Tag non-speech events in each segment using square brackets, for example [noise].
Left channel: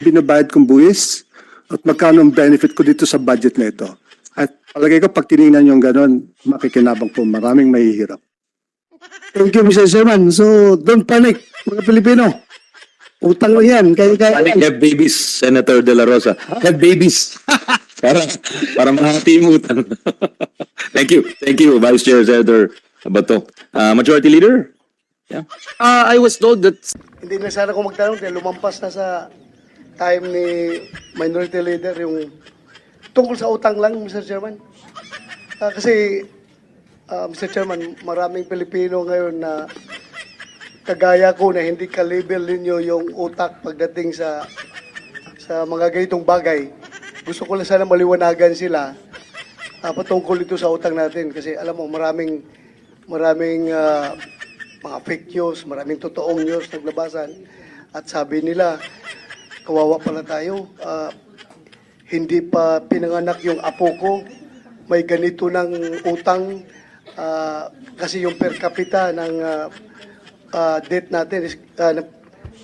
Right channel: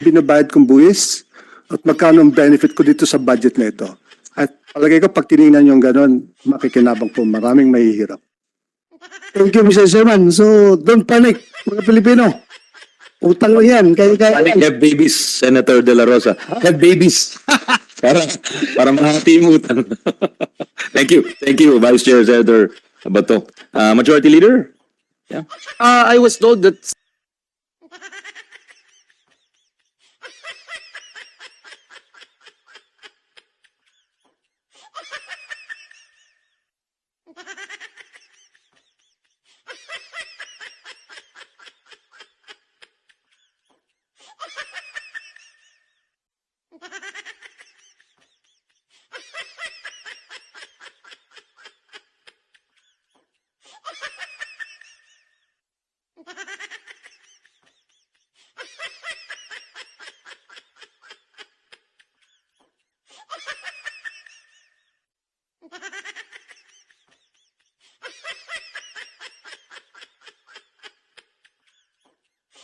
binabayad kong buwis at magkano ang benefit ko dito sa budget na ito. At palagay ko pag tinignan yung ganon, makikinabang po maraming mahihirap. Thank you, Mr. Chairman. So, don't panic, mga Pilipino. Utang lang yan. Kaya, kaya, Panic have babies, Senator De La Rosa. Have babies. [laughs] para para mahati yung utang. [laughs] Thank you. Thank you, Vice Chair Senator Bato. Uh, Majority Leader? Yeah. Uh, I was told that Hindi na sana ako magtanong dahil lumampas na sa time ni Minority Leader yung tungkol sa utang lang, Mr. Chairman. Ah, kasi, ah, Mr. Chairman, maraming Pilipino ngayon na kagaya ko na hindi ka-label ninyo yung utak pagdating sa sa mga ganitong bagay. Gusto ko lang sana maliwanagan sila ah, patungkol ito sa utang natin kasi alam mo maraming maraming ah, mga fake news, maraming totoong news naglabasan at sabi nila kawawa pala tayo. Ah, hindi pa pinanganak yung apo ko. May ganito ng utang. Ah, kasi yung per capita ng ah, ah, debt natin is na-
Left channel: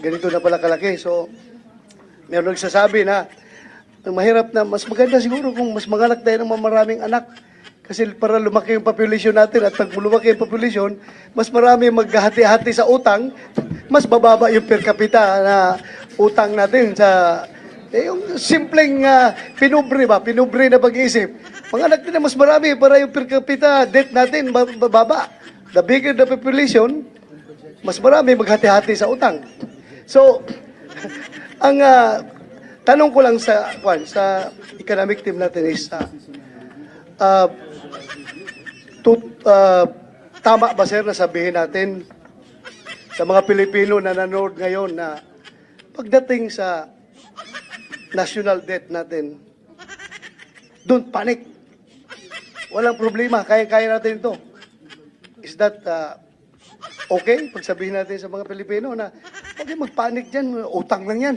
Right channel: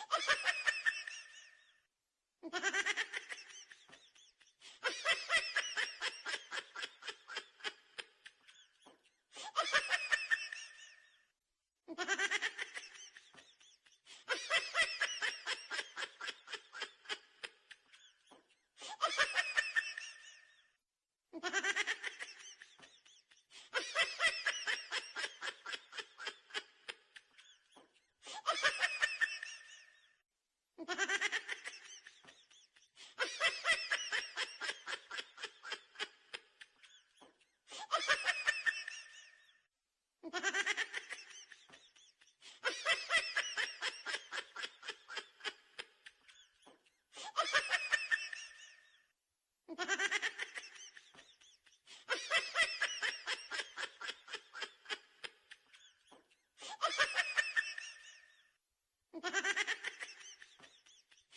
ganito na pala kalaki. So meron nagsasabi na mahirap na mas maganda siguro kung mas manganak tayo ng maraming anak. Kasi para lumaki yung population natin at pag lumaki yung population, mas marami maghahati-hati sa utang, mas bababa yung per capita na utang natin sa eh, yung simpleng uh, pinubre ba, pinubre na pag-iisip. Manganak na mas marami para yung per capita debt natin ba- bababa. The bigger the population, mas marami maghati-hati sa utang. So, [laughs] ang ah, tanong ko lang sa kwan, sa economic team natin is ah, ah, tut- ah, tama ba sir na sabihin natin sa mga Pilipino na nanood ngayon na pagdating sa national debt natin, don't panic. Walang problema, kaya-kaya natin ito. Is that ah, okay? Pag sabihin natin sa mga Pilipino na kayong mag-panic dyan, utang lang yan.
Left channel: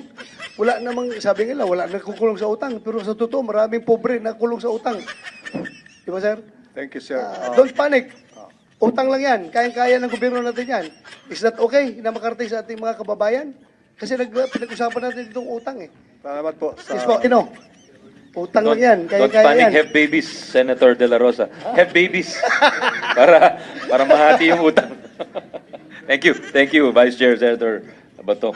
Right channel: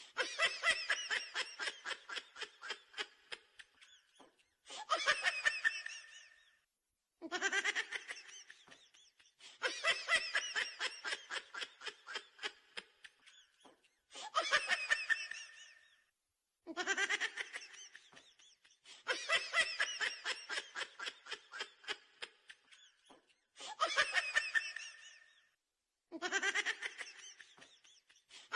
Wala namang, sabi nila, wala nagkukulong sa utang. Pero sa totoo, maraming pobre na kulong sa utang. Di ba, sir? Thank you, sir. Ah, don't panic. Utang lang yan. Kaya-kaya ng gobyerno natin yan. Is that okay na makarating sa ating mga kababayan? Kasi nag, pinag-usapan natin itong utang eh. Salamat po. Yes po, ino. Utang lang yan. Don't Kaya-kaya panic, yan. have babies, Senator De La Rosa. Have babies. [laughs] para para mahati yung utang. [laughs] Thank you. Thank you, Vice Chair Senator Bato.